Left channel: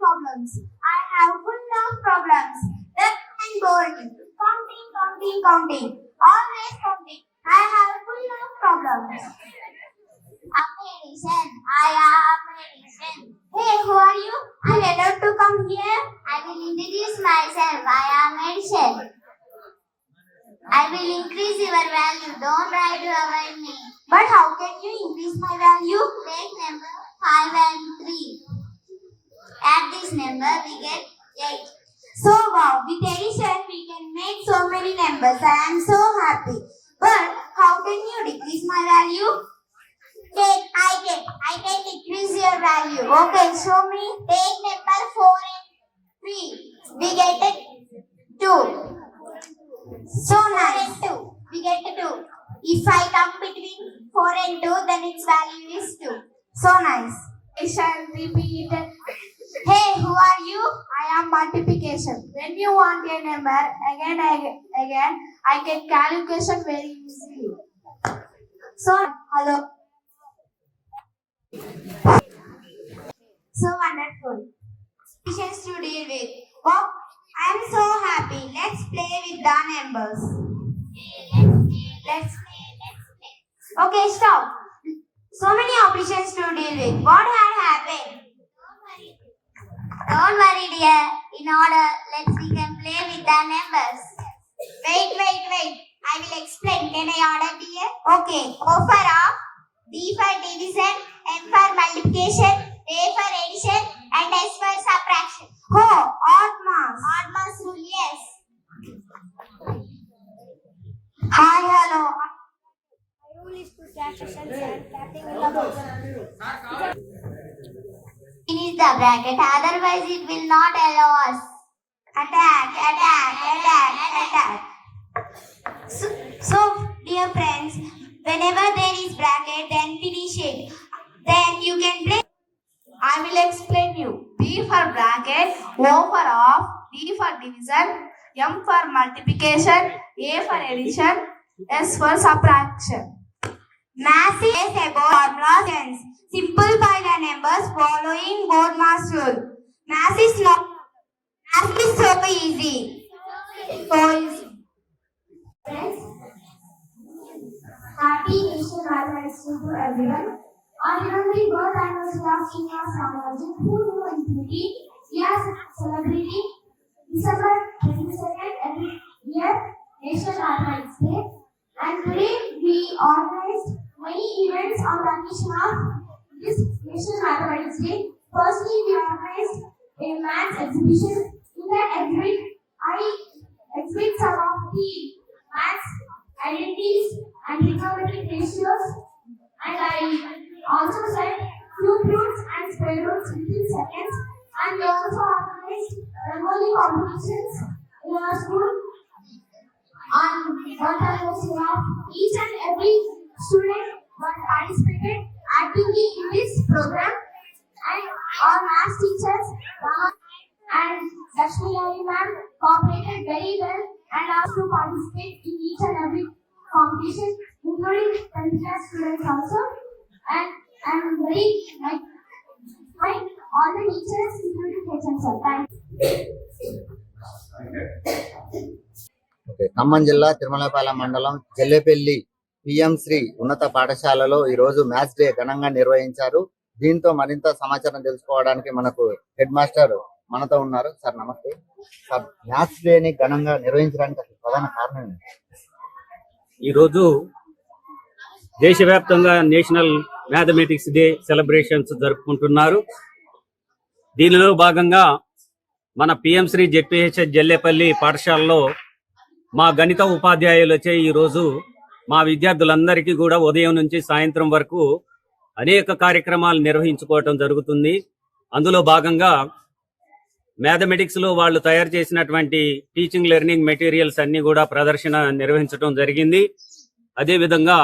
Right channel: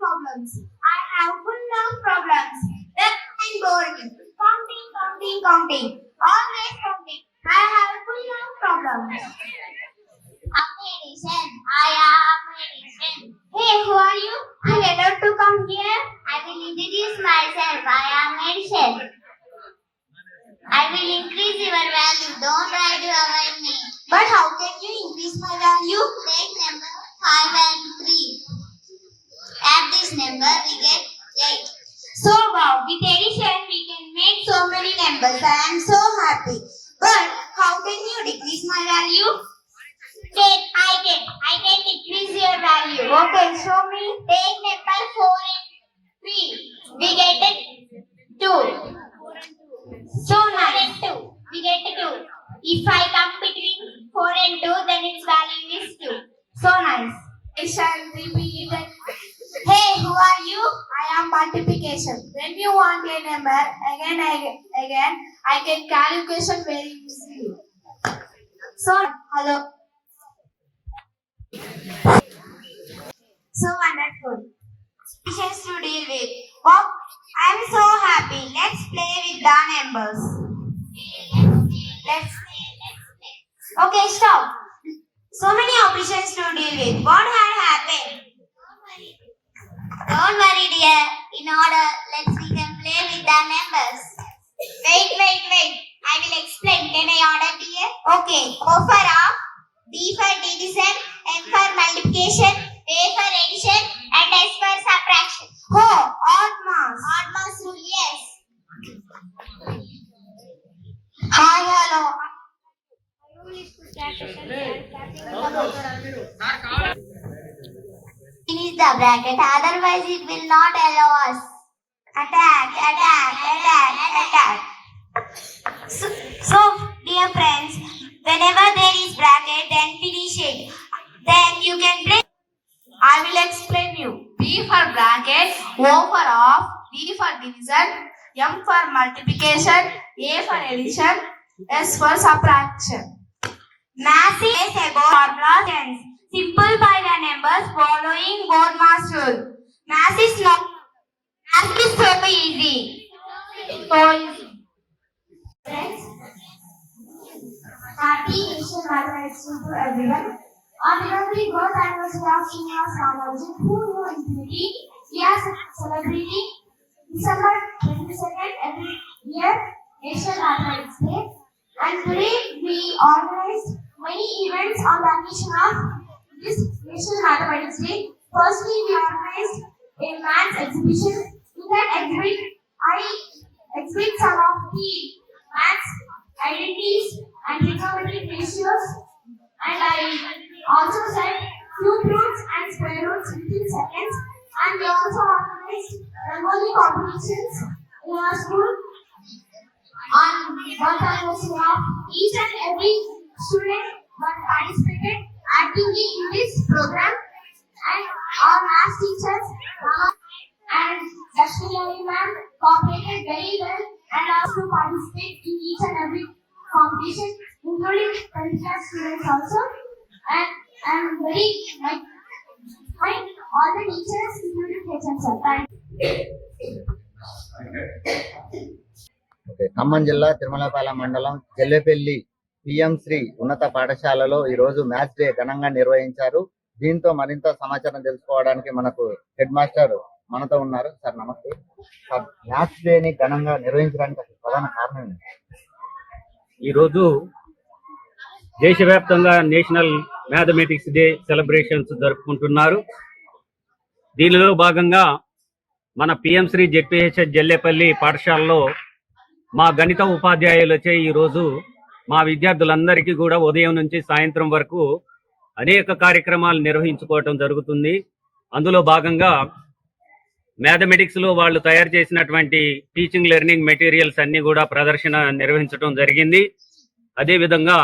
Problems. I have full of problems. Then and boring. Counting, counting, counting. Always counting. I have full of problems. Medicine. I am medicine. Hey, who are you? I am allowed to come here. I will introduce myself. I am medicine. I will increase your value. Don't try to avoid me. But how can you increase my value? Take number 5 and 3. Add this number, we get 8. So wow, with addition we can make so many numbers. I am so happy. But how can you decrease my value? I can decrease your value. Okay, show me. Take number 4 and 3. We get it 2. So nice. 2. We get 2. If I come between 4 and 2, then its value is 2. So nice. I shall repeat it. Hey, who are you? I am multiplication. When you want a number, again, I get calculation very easily. So, hello. So wonderful. Questions to deal with. Oh, I am so happy. Let's play with the numbers. Let's play. Okay, stop. So many operations to deal with. What had happened? Don't worry, dear. In order, we can play with the numbers. Wait. I will explain. Can I order, dear? Okay. O for off, D for division, M for multiplication, A for addition, and S for subtraction. Oh, odd mass. Odd mass rule, yes. Hi, hello. Finish the bracket, otherwise it will not allow us. Attack. So, dear friends, whenever there is bracket, then finish it. Then you can break. I will explain you. B for bracket, O for off, D for division, M for multiplication, A for addition, S for subtraction. Math is about fractions. Simplify the numbers following Godma's rule. Math is so easy. Friends, happy Asian Mathematics Day to everyone. On remembering birth anniversary of Srinivas Ramanujan, who knew infinity, we are celebrating December 22nd every year, Asian Mathematics Day. And today we organized many events on the occasion of this Asian Mathematics Day. Firstly, we organized a maths exhibition. In that exhibit some of the maths identities and trigonometric ratios, and I also said few roots and square roots within seconds. And we also organized Rangoli competitions in our school on birth anniversary of each and every student that participated actively in this program. And our maths teachers and Lakshmi ma'am cooperated very well and asked to participate in each and every competition, including 10th class students also. And I am very thank all the teachers, including HM sir. Khammam జిల్లా తిరుమలపాలెం మండలం Jallepalli PM Shri ఉన్నత పాఠశాలలో ఈ రోజు maths day ఘనంగా నిర్వహించారు. దీంతో మరింత సమాచారం తెలుసుకోవడానికి మనకు హెడ్ మాస్టర్ మనతో ఉన్నారు. సార్ నమస్తే. సార్, మ్యాథ్స్ డే ని ఘనంగా నిర్వహించడానికి ప్రధాన కారణం ఏంటి? ఈరోజు దేశవ్యాప్తంగా నేషనల్ మ్యాథమెటిక్స్ డే సెలబ్రేషన్స్ జరుపుకుంటున్నారు. దీనిలో భాగంగా మన పిఎం శ్రీ జెడ్పీహెచ్ఎస్ జల్లేపల్లి పాఠశాలలో మా గణిత ఉపాధ్యాయులచే ఈరోజు మా విద్యార్థులందరికీ కూడా ఉదయం నుంచి సాయంత్రం వరకు అనేక కార్యక్రమాలు నిర్వహించుకోవటం జరుగుతుంది. అందులో భాగంగా మ్యాథమెటిక్స్లో వాళ్ళు తయారు చేసినటువంటి టీచింగ్ లెర్నింగ్ మెటీరియల్స్ అన్నీ కూడా ప్రదర్శన నిర్వహించడం జరిగింది. అదేవిధంగా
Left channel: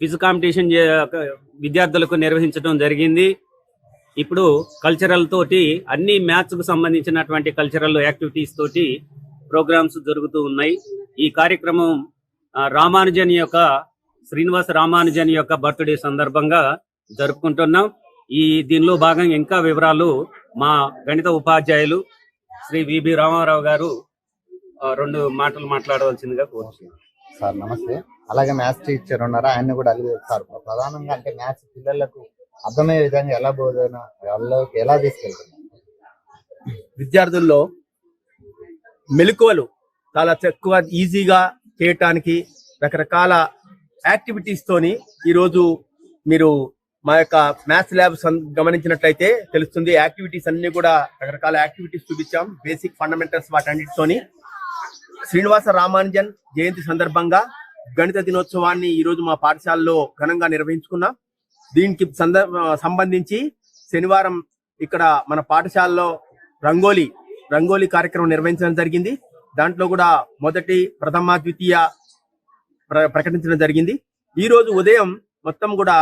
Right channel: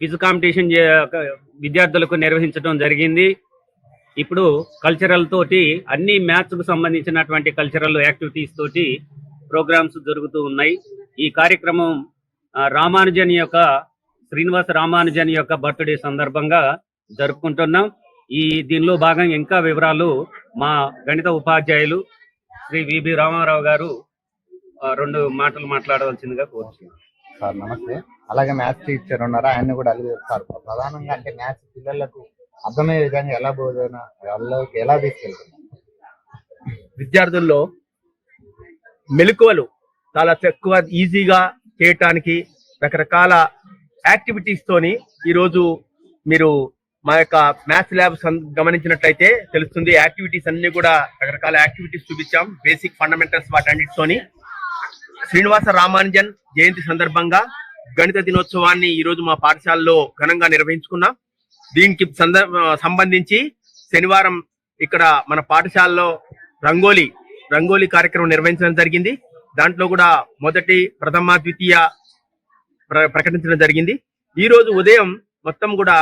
క్విజ్ కాంపిటీషన్ విద్యార్థులకు నిర్వహించడం జరిగింది. ఇప్పుడు కల్చరల్ తోటి అన్ని మ్యాథ్స్కు సంబంధించినటువంటి కల్చరల్ యాక్టివిటీస్ తోటి ప్రోగ్రామ్స్ జరుగుతూ ఉన్నాయి. ఈ కార్యక్రమం శ్రీనివాస రామానుజన్ యొక్క బర్త్డే సందర్భంగా జరుపుకుంటున్నాం. దీనిలో భాగంగా ఇంకా వివరాలు మా గణిత ఉపాధ్యాయులు శ్రీ విబి రామారావు గారు 2 మాటలు మాట్లాడవలసిందిగా కోరుతున్నాను. సార్ నమస్తే. అలాగే మ్యాథ్స్ టీచర్ ఉన్నారా, ఆయన్ని కూడా అడిగి సార్ ప్రధానంగా అంటే మ్యాథ్స్ పిల్లలకు అర్థమయ్యే విధంగా ఎలా తీసుకెళ్తున్నారు? విద్యార్థుల్లో మెలకువలు చాలా తక్కువ ఈజీగా చేయటానికి రకరకాల యాక్టివిటీస్ తోని ఈరోజు మీరు మా యొక్క మ్యాథ్స్ ల్యాబ్ గమనించినట్లయితే తెలుస్తుంది. యాక్టివిటీస్ అన్ని కూడా రకరకాల యాక్టివిటీస్ చూపించాం. బేసిక్ ఫండమెంటల్స్ వాటన్నిటితోని శ్రీనివాస రామానుజన్ జయంతి సందర్భంగా గణిత దినోత్సవాన్ని ఈరోజు మా పాఠశాలలో ఘనంగా నిర్వహించుకున్నాం. దీనికి సంబంధించి శనివారం ఇక్కడ మన పాఠశాలలో రంగోలీ కార్యక్రమం నిర్వహించడం జరిగింది. దాంట్లో కూడా మొదటి, ప్రథమ, ద్వితీయ ప్రకటించడం జరిగింది. ఈ రోజు ఉదయం మొత్తం కూడా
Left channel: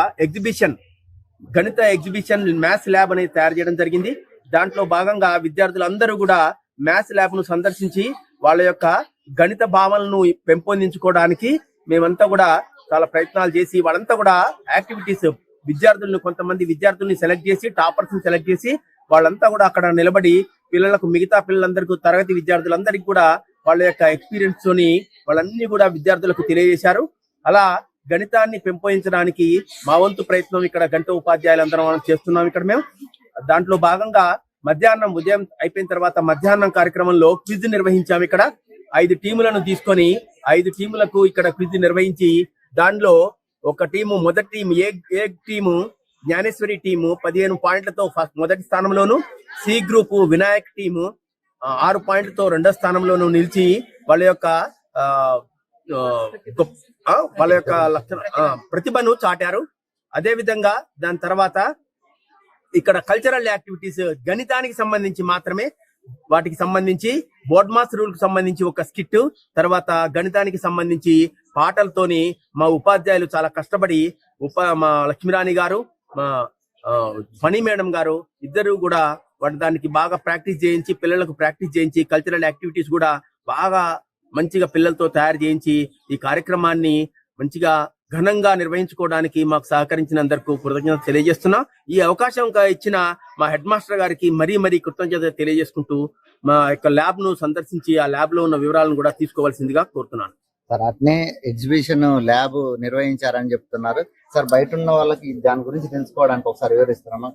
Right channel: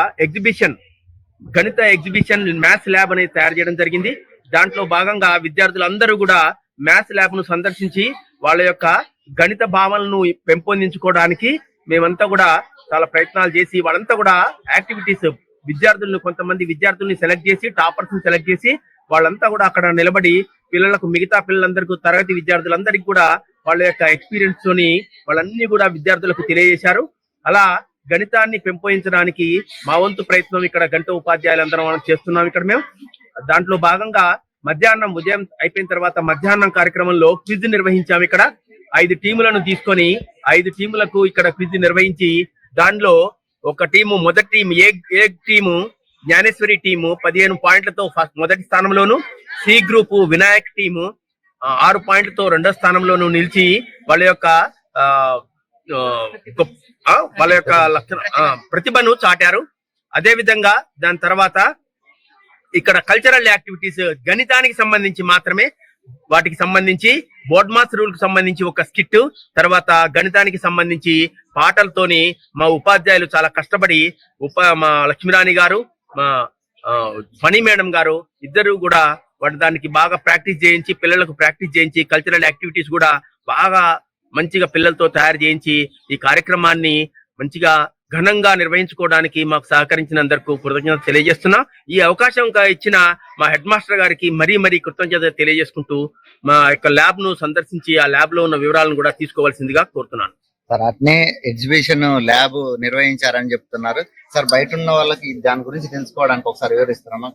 గణిత ఎగ్జిబిషన్ మ్యాథ్స్ ల్యాబ్ అనేది తయారు చేయడం జరిగింది. దాంట్లో భాగంగా విద్యార్థులందరూ కూడా మ్యాథ్స్ ల్యాబ్ ను సందర్శించి వాళ్ళ యొక్క గణిత భావనలను పెంపొందించుకోవడానికి మేమంతా కూడా చాలా ప్రయత్నాలు చేసి వాళ్ళంతా కూడా యాక్టివిటీస్ కొంతమంది విద్యార్థుల్ని సెలెక్ట్ చేసి టాపర్స్ ని సెలెక్ట్ చేసి వాళ్ళంతా కూడా అక్కడ నిలబడి మిగతా పిల్లలందరికీ తరగతి విద్యార్థులందరికీ కూడా వాళ్ళ యొక్క ఎక్స్పీరియన్స్ తోని వాళ్ళన్ని కూడా విద్యార్థులకు తెలియజేశారు. అలా గణితాన్ని పెంపొందించడానికి మా వంతు ప్రయత్నం ఇక్కడ గణిత ఉపాధ్యాయులందరం చేస్తున్నాం. ఇక్కడ మేము దాంట్లో భాగంగా ఉదయం అయిపోయిన తర్వాత మధ్యాహ్నం కార్యక్రమంలో క్విజ్ నిర్వహించాము. ఇక్కడ 5 టీములను తీసుకొని 5 టీములకు ఇక్కడ క్విజ్ నిర్వహించి దానిలో ఒక టీము, మొదటి టీం ఏ టీము జ్ఞానేశ్వరి టీము 15 పాయింట్లతో మొదటి స్థానంలోను, సి గ్రూపు వినాయక్ టీము 6 పాయింట్లతో 2వ స్థానంలోను నిలిచి వాళ్ళ యొక్క ప్రతిభను చాటారు. అదే విధంగా దాని తర్వాత ఇక్కడ కల్చరల్ యాక్టివిటీస్ గణితానికి సంబంధించి మాత్రమే, వాటికి సంబంధించి బోర్డ్ మాస్ రూల్ కు సంబంధించి ఒక స్కిట్, తర్వాత గణితానికి సంబంధించి పాటలతోని మా ఉపాధ్యాయులు చాలా కష్టపడి మా లక్ష్మీరాణి గారు, మా ఫణి మేడం గారు ఇద్దరు కూడా దానికి బాగా పిల్లలకు ప్రాక్టీస్ చేయించి కల్చరల్ యాక్టివిటీస్ కూడా బాగా మంచిగా పిల్లలతో తయారు చేయించి ఈ కార్యక్రమాన్ని మంచిగా ఘనంగా నిర్వహించుకోవడానికి మాకు సహకరించినందుకు కృతజ్ఞత తెలియజేస్తున్నా. ఈ అవకాశం ఇచ్చిన మా హెడ్ మాస్టర్ గారికి మరీ కృతజ్ఞత తెలియజేసుకుంటూ మా యొక్క ల్యాబ్ ను సందర్శించి ఆ ల్యాబ్ లో ఉన్న వివరాలను కూడా తీసుకోవాల్సిందిగా కోరుతున్నాను. సార్ అట్నే ఎగ్జిబిషన్ ల్యాబ్ నిర్వహించారని చెప్తున్నారు సార్. బయట ఉన్న వాళ్ళకి దాని గురించి తెలుసుకోవడానికి ఒకసారి వివరిస్తున్నామా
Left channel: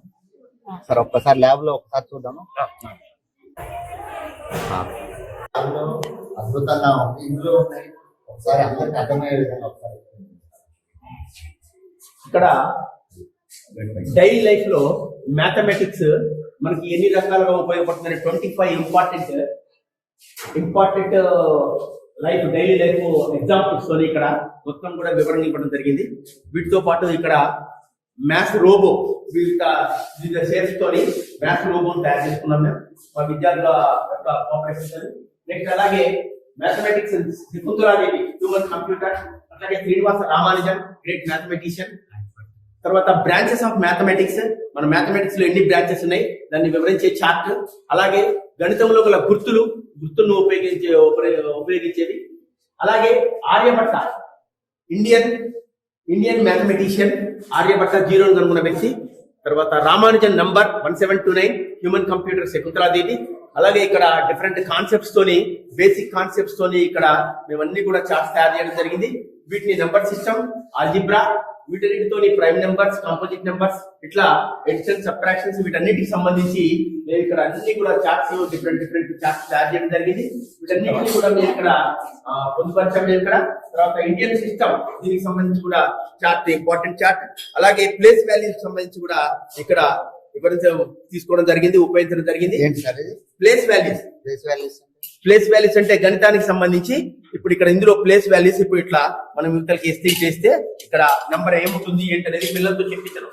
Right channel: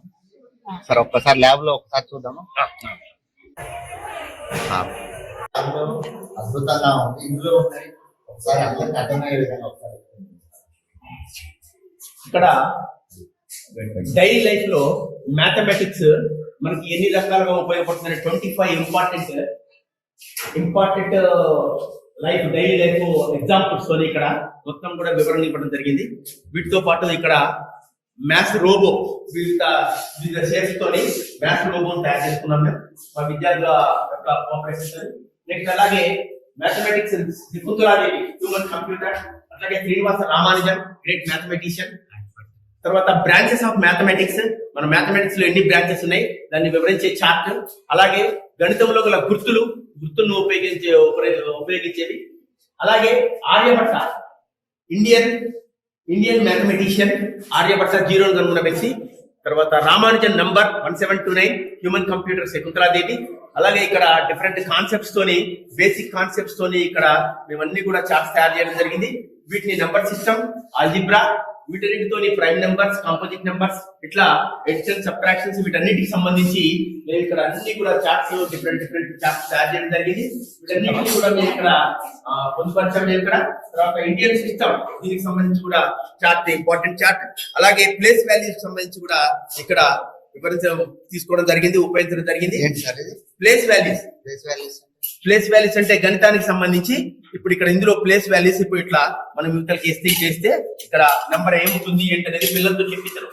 సార్? ఒక్కసారి ల్యాబ్ లో ఒకసారి చూద్దామా? అద్భుతంగా ఉంది. ఇందులో ఒకసారి అందరికి అర్థమయ్యే విధంగా ఒకసారి ఇక్కడ డైలీ లైఫ్ లో మ్యాథమెటిక్స్ మనకి ఎన్ని రకాలుగా ఉపయోగపడుతుంది 25 ఇంపార్టెంట్ డైలీ లైఫ్ ఎగ్జాంపుల్స్ తోని ఇక్కడ మొత్తం కూడా వివరణ ఇవ్వడం జరిగింది. వీటితో పాటు ఇక్కడ మ్యాథ్స్ రోబో వివిధ షేప్స్ తోని మ్యాథ్స్ రోబోని తయారు చేసుకున్నాం మేము మా విద్యార్థుల యొక్క కోఆపరేషన్. నెక్స్ట్ అలాగే మ్యాథమెటిక్స్ శకుంతలాదేవి హ్యూమన్ కంప్యూటర్, అట్లాగే శ్రీనివాస రామానుజన్ గ్రేట్ మ్యాథమెటిషియన్. తర్వాత బ్రాంచెస్ ఆఫ్ మ్యాథమెటిక్స్, మన మ్యాథమెటిక్స్ లో ఎన్ని బ్రాంచెస్ ఉన్నాయి దాన్ని వివరించే చార్ట్. అలాగే గణితంలో గల గుర్తులను ఉపయోగించేవి. అలాగే ఆర్యభట్ట ఇండియన్ మ్యాథమెటిషియన్ ఆర్యభట్ట 0 కనుగొన్న వ్యక్తి. తర్వాత Ramanujan number 1729 human computer Shakuntala Devi. అలాగే ఇక్కడ డిఫరెంట్ కాన్సెప్ట్స్ తోని బేసిక్ కాన్సెప్ట్స్ తోని ఇక్కడ మేమన్నీ కూడా చార్ట్స్ తయారు చేయడం జరిగింది. వీటిని number system, algebra, వీటన్నిటితోని prime numbers, composite numbers, ఇట్లా ఎడిషన్, సబ్ట్రాక్షన్స్ వీటన్నిటికి సంబంధించి మేము ఇక్కడ అన్ని కూడా చార్ట్స్ డిఫరెంట్ చార్ట్స్ తయారు చేయడం జరిగింది. వీటన్నిటిని కూడా మేము ఇక్కడ పొందుపరిచాము. ఇక్కడ తర్వాత ఇండియన్ సిస్టమ్, దీనికి సంబంధించి కూడా చార్ట్, ఇంపార్టెంట్ చార్ట్. అలాగే ప్లేస్ వాల్యూస్ సంబంధించి కూడా ఇక్కడ తీసుకోవడం జరిగింది, ఉపయోగించడం జరిగింది. ప్లేస్ వాల్యూస్ అంటే గణితానికి సంబంధించి ఇప్పుడు ఇక్కడ ఇందులో ప్లేస్ వాల్యూస్ ఇప్పుడు ఇట్లా మనం ఇక్కడికి చేస్తే ఇక్కడ నెంబర్ ఏముంటుంది ఏంటనేది పిల్లలతో చెప్పించారు.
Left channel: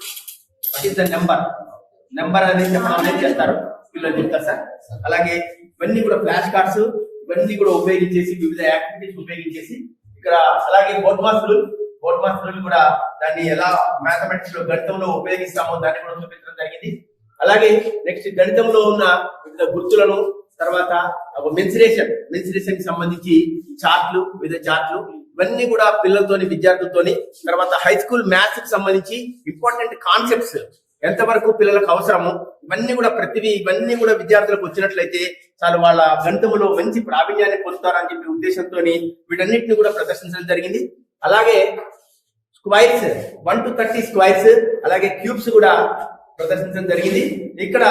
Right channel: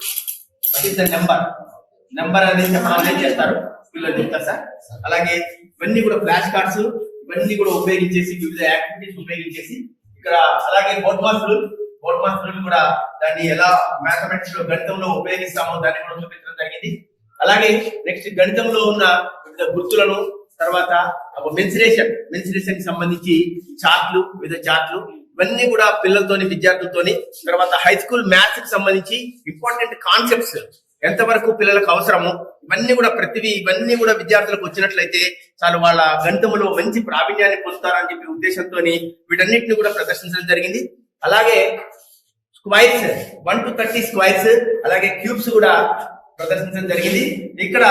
నెంబర్ అనేది చెప్పడం చేస్తారు, పిల్లలు చెప్తారు సార్. అలాగే ఇవన్నీ కూడా ఫ్లాష్ కార్డ్స్, ఇవన్నీ కూడా ఉపయోగించేసి వివిధ యాక్టివిటీస్ ఉపయోగించేసి ఇక్కడ అలాగే బోర్డ్ మాస్ రూల్ కూడా దాన్ని ఎలా మ్యాథమెటిక్స్ లో గణితంలో ఉపయోగిస్తామో దాన్ని కూడా చూపించడం జరిగింది. అలాగే నెక్స్ట్ గణితంలో ఉన్న వివిధ గుర్తులను తర్వాత మెన్సురేషన్ కి సంబంధించి చార్ట్లు, వివిధ చార్ట్లు, ఇవన్నీ కూడా పిల్లలతోని, విద్యార్థులతోని. తర్వాత హై స్కూల్ మ్యాథ్స్ కి సంబంధించి ఇంపార్టెంట్ కాన్సెప్ట్స్ ఎంతవరకు పిల్లలకు అవసరము, ఇవన్నీ కూడా విద్యార్థులకు వచ్చినట్లయితే చాలు వాళ్ళ గణితములో మంచి ప్రావీణ్యాన్ని పొందుతారని చెప్పి ఉద్దేశంతో వీటన్నిటిని కూడా ప్రదర్శించడం జరిగింది. అలాగే స్క్వైర్స్ 1 to 30 స్క్వైర్స్, అలాగే క్యూబ్స్ కూడా ప్రదర్శించడం జరిగింది. ఇక్కడ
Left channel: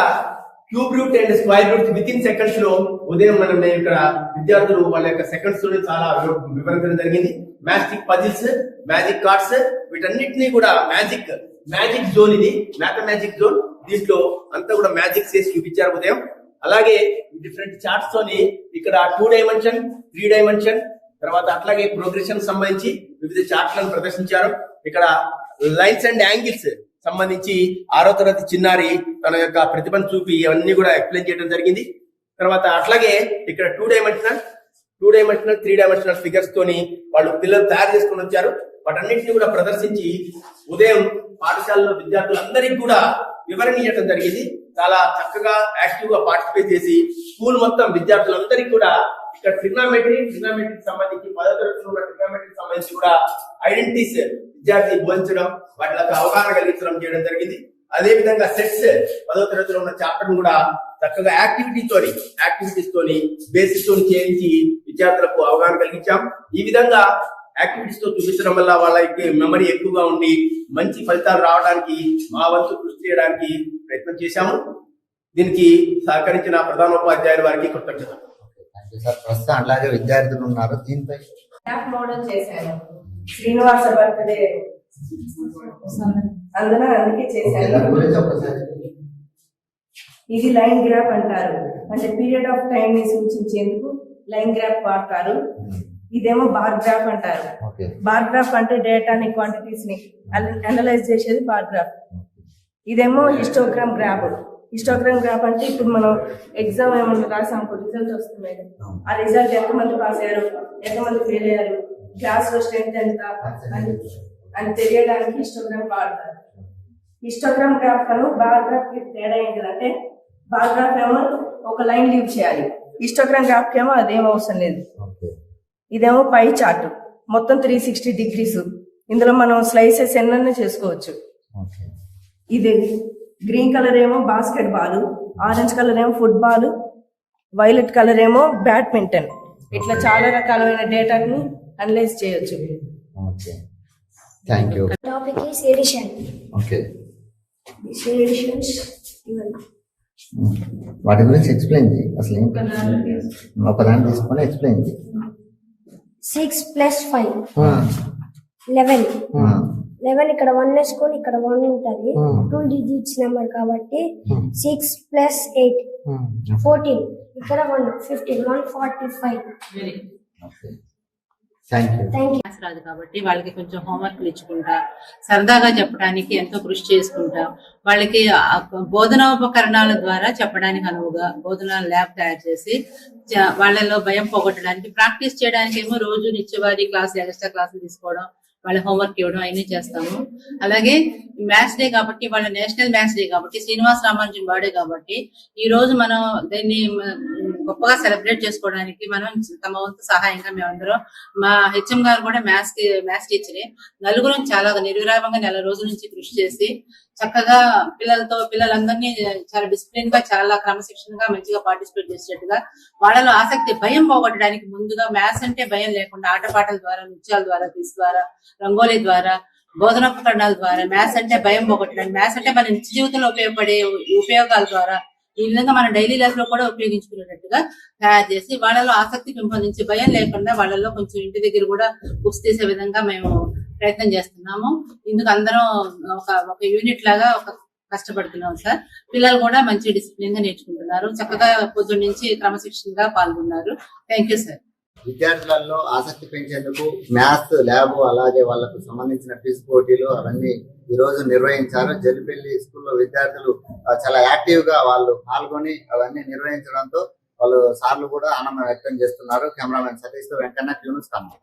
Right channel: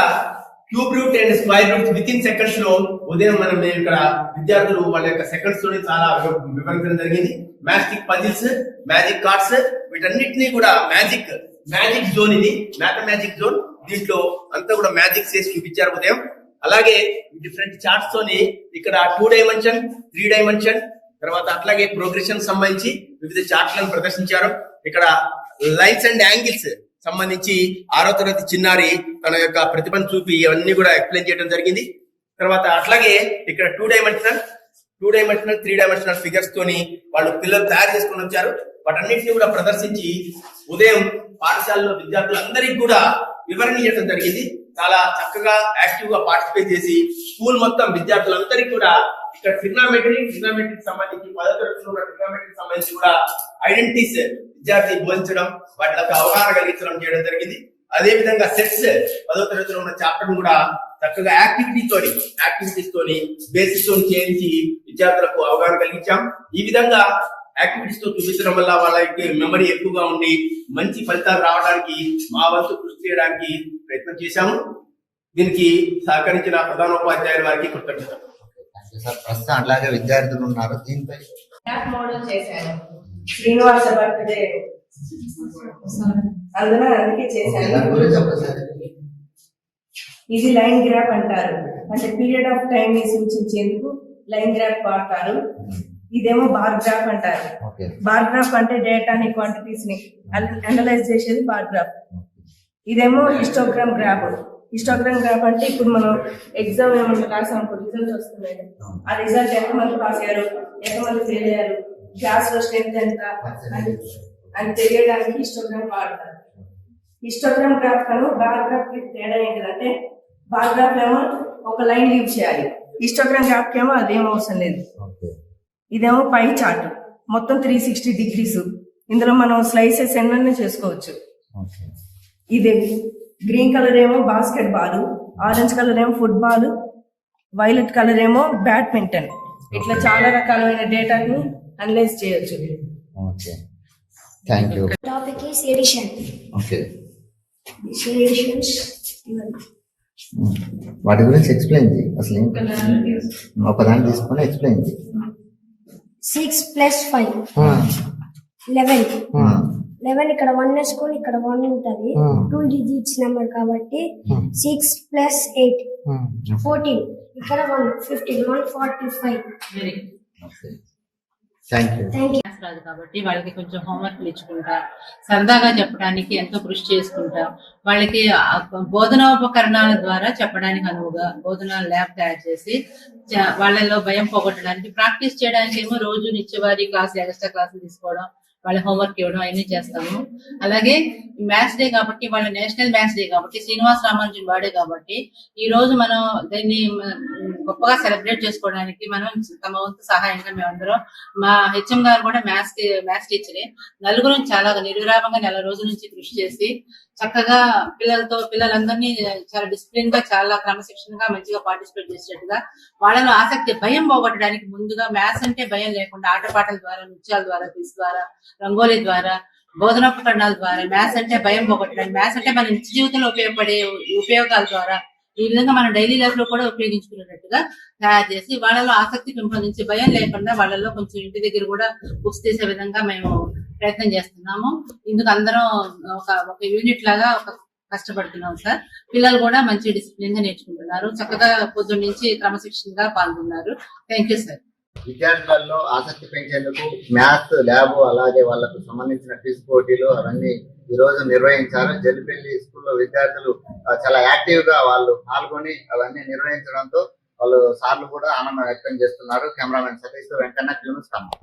cube root and square root with in seconds లో ఉదయం మనం ఇక్కడ విద్యార్థులు వాళ్ళ యొక్క సెకండ్స్ లోనే చాలా వివరించడం జరిగింది. మ్యాథ్స్టిక్ పజిల్స్, మ్యాజిక్ కార్డ్స్, వీటన్నిటినీ కూడా మ్యాజిక్ జోన్, ఇది మ్యాథమెటిక్ జోన్. దీంట్లో అంతా కూడా మ్యాజిక్ చేసి చూపించారు ఉదయం. అలాగే డిఫరెంట్ చార్ట్స్ తోని ఇక్కడ 2 డైమెన్షన్, 3 డైమెన్షన్, తర్వాత అట్లాగే ప్రోగ్రెషన్ సంబంధించి వివిధ చార్ట్లను ప్రదర్శించారు. ఇక్కడ లైన్స్ అండ్ యాంగిల్స్ సంబంధించి 6వ తరగతి చిన్నారి తన యొక్క ప్రతిభను చూపి అవన్నీ కూడా ఎక్స్ప్లెయిన్ చేయడం జరిగింది. తర్వాత అట్లాగే ఇక్కడ 2 డైమెన్షనల్, 3 డైమెన్షనల్ ఫిగర్స్ తోని వాళ్ళు పిల్లలు తయారు చేసుకుని వచ్చారు. వాటన్నిటిని కూడా ప్రదర్శించి ఉదయం పాఠశాలలో విద్యార్థులందరికీ కూడా వివరణ ఇవ్వడం జరిగింది. చాలా చక్కగా యాక్టివ్ గా పార్టిసిపేట్ చేసి స్కూల్ మొత్తం విద్యార్థులందరికీ కూడా ఇక్కడ ట్రిగ్నామెట్రీ సంబంధించి 10వ తరగతిలో ఉన్న ట్రిగ్నామెట్రీ సంబంధించి కూడా ఐడెంటిటీస్ విద్యార్థి బోధించడం, వాటికి అవగాహన కలిగించడం చేయడం జరిగింది. అదే విధంగా సెట్స్ 10వ తరగతిలో ఉన్న చాప్టర్ కూడా చక్కగా యాక్టివిటీస్ తోని బేసిక్స్ తోని చేయించి విద్యార్థులకు అవగాహన కలిగించాం. ఈ విధంగా యాక్టివిటీస్ తో చూపించడం వల్ల వాళ్ళకి మెమరీ ఎక్కువగా ఉండి మంచి ఫలితాలు రావడానికి మా వంతు కృషి చేయడానికి ప్రయత్నం చేశాము. దీనికి సహకరించిన ప్రధానోపాధ్యాయుల వారికి కృతజ్ఞతలు. ప్రస్తుతం అలాగే విద్యార్థులు ఉన్నారు. దీనిపై మోడల్ చేశాను. శ్రీనివాస బర్త్డే అందుకే చేశాను. ఇది లైన్ గ్రాఫ్ అంటారు. అంటే పీరియడ్ ఆఫ్ టైం ని సూచించేందుకు లైన్ గ్రాఫ్ వాడతారు. ఇదేమో బార్ గ్రాఫ్ అంటారు. బార్ గ్రాఫ్ అంటే డేటాని, క్వాంటిటీస్ ని అనలైజ్ చేసేది బార్ గ్రాఫ్. ఇదేమో హిస్టోగ్రామ్ గ్రాఫ్ అంటే ఇప్పుడు మనం ఎగ్జామ్ ఏమన్నా రాసాం, రిజల్ట్ వస్తున్నాయి. ఆ రిజల్ట్ ఎంతమంది పాస్ అయ్యారు, ఎంతమంది ఫెయిల్ అయ్యారు, క్లాస్ లో స్ట్రెంత్ ఎంత అని తెలియడానికి హిస్టోగ్రామ్ వాడతారు. హిస్టోగ్రామ్ గ్రాఫ్ కను బార్ గ్రాఫ్ కి తేడా ఏంటంటే, బార్ గ్రాఫ్ ఏమో ఒక లైన్ లీవ్ చేయాలి, హిస్టోగ్రామ్ గ్రాఫ్ కి ఏమో అదేం అవసరం లేదు. ఇదేమో పై చార్ట్, మొత్తం 360 degrees. ఇందులో మనం స్లైసెస్ ఎన్నైనా చేసుకోవచ్చు. ఇది గ్రీన్ కలర్ ఏమో బాస్కెట్ బాల్, ఆరెంజ్ కలర్ ఏమో ఫుట్బాల్, వైలెట్ కలర్ ఏమో బ్యాడ్మింటన్. ఇట్లా చాలా రకాలైన డేటాని అనలైజ్ చేయొచ్చు. Topic is addition. Additions. వాటి గురించి ఎక్స్ప్లెయిన్ చేయి. అసలు ఒక దాన్ని తీసుకొని ఎక్స్ప్లెయిన్ చేయి. 6 + 5 11. 11 ఇక్కడ 1 వేసుకొని ఇక్కడ 1 ఉంటుంది. 2 digits నెంబర్ కాబట్టి 6 + 8 14. ఇక్కడ 1 15 145. Thank you. రాదు కాబట్టి వాళ్ళకి కొంచెం హోంవర్క్లు ఇచ్చుకుంటా, సరదాగా చెప్పడానికి ఎంతో కృషి చేసుకుంటా, వాళ్ళకి బోధనోపకరణాల ద్వారా చెప్పడానికి అనువుగా బోధన ల్యాబ్ తయారు చేసి వాళ్ళలో భయం పోగొట్టడానికి, ప్రాక్టీస్ చేయడానికి ఏమో రోజు నిత్యవారీ క్లాసులు, ఎక్స్ట్రా క్లాసులు తీసుకోవడం, వాళ్ళ హోంవర్క్ ఇవ్వడం అన్ని చేస్తాము. అలాగే మ్యాథ్స్ డే కాబట్టి, వాళ్ళ నేషనల్ మ్యాథ్స్ డే కాబట్టి, శ్రీనివాస రామానుజన్ బర్త్డే కాబట్టి ఈ రోజు మనం దీన్ని గొప్పగా సెలబ్రేట్ చేసుకోవడానికి మనం తమ వంతు సహాయంగా మేమందరం, మా హెచ్ఎం గారు కూడా మ్యాథ్స్ టీచరే, నలుగురు చాలా నిర్విరామంగా నెల రోజుల నుంచి కృషి చేసి చక్కగా పిల్లలందరినీ చాలా డిసిప్లిన్ గా, చాలా క్రమశిక్షణగా మంచిగా పార్టిసిపేట్ చేసేట్టుగా, వాళ్ళలో ఆసక్తి, భయం పోగొట్టడానికి ముందుగా మ్యాథ్స్ అంటే భయం లేకుండా ఆటపాటల ద్వారా, నృత్యాల ద్వారా, క్విజ్ ద్వారా, రంగోలీ ద్వారా, బోధనోపకరణాల ద్వారా మ్యాథ్స్ అంటే భయం పోగొట్టడానికి, మ్యాథ్స్ అంటే మన నిత్య జీవితంలో ఉపయోగపడే ఉపయోగాల ద్వారా ఈ విధంగా మన డైలీ లైఫ్ లో కూడా ఉపయోగించుకునేటట్టుగా తయారు చేసి వాళ్ళలో ఆసక్తి పెంపొందించి భయం లేకుండా వాళ్ళలో కొంచెం ఇంటి దగ్గర కూడా బుక్స్ తీసే విధంగా మేము ప్రయత్నం చేస్తున్నాము. ఇందుకు అందరం ఒక యూనిట్ లాగా కష్టపడుతున్నాం సార్. పిల్లలు కూడా మంచి డిసిప్లిన్ గా నేర్చుకుంటున్నారు, చక్కగా పొద్దున్న నుంచి క్రమశిక్షణగా పాల్గొన్నారు. Thank you sir. విద్యార్థులలో ఆసక్తి పెంచేందుకు మ్యాథ్స్ ల్యాబ్, అలాగే వాళ్ళకు సంబంధించిన క్విజ్ పోటీలు అవన్నీ ఈ రోజు నిర్వహించారు. జల్లిపల్లి స్కూల్లో విద్యార్థులు చాలా యాక్టివ్ గా వాళ్ళు పాల్గొని అవన్నీ నిర్వహించడంతో వాళ్ళు సార్లు కూడా ఆనందం వ్యక్తం చేస్తున్నారు. కెమెరామెన్ సతీష్ తో వెంకన్న, న్యూస్ ఖమ్మం.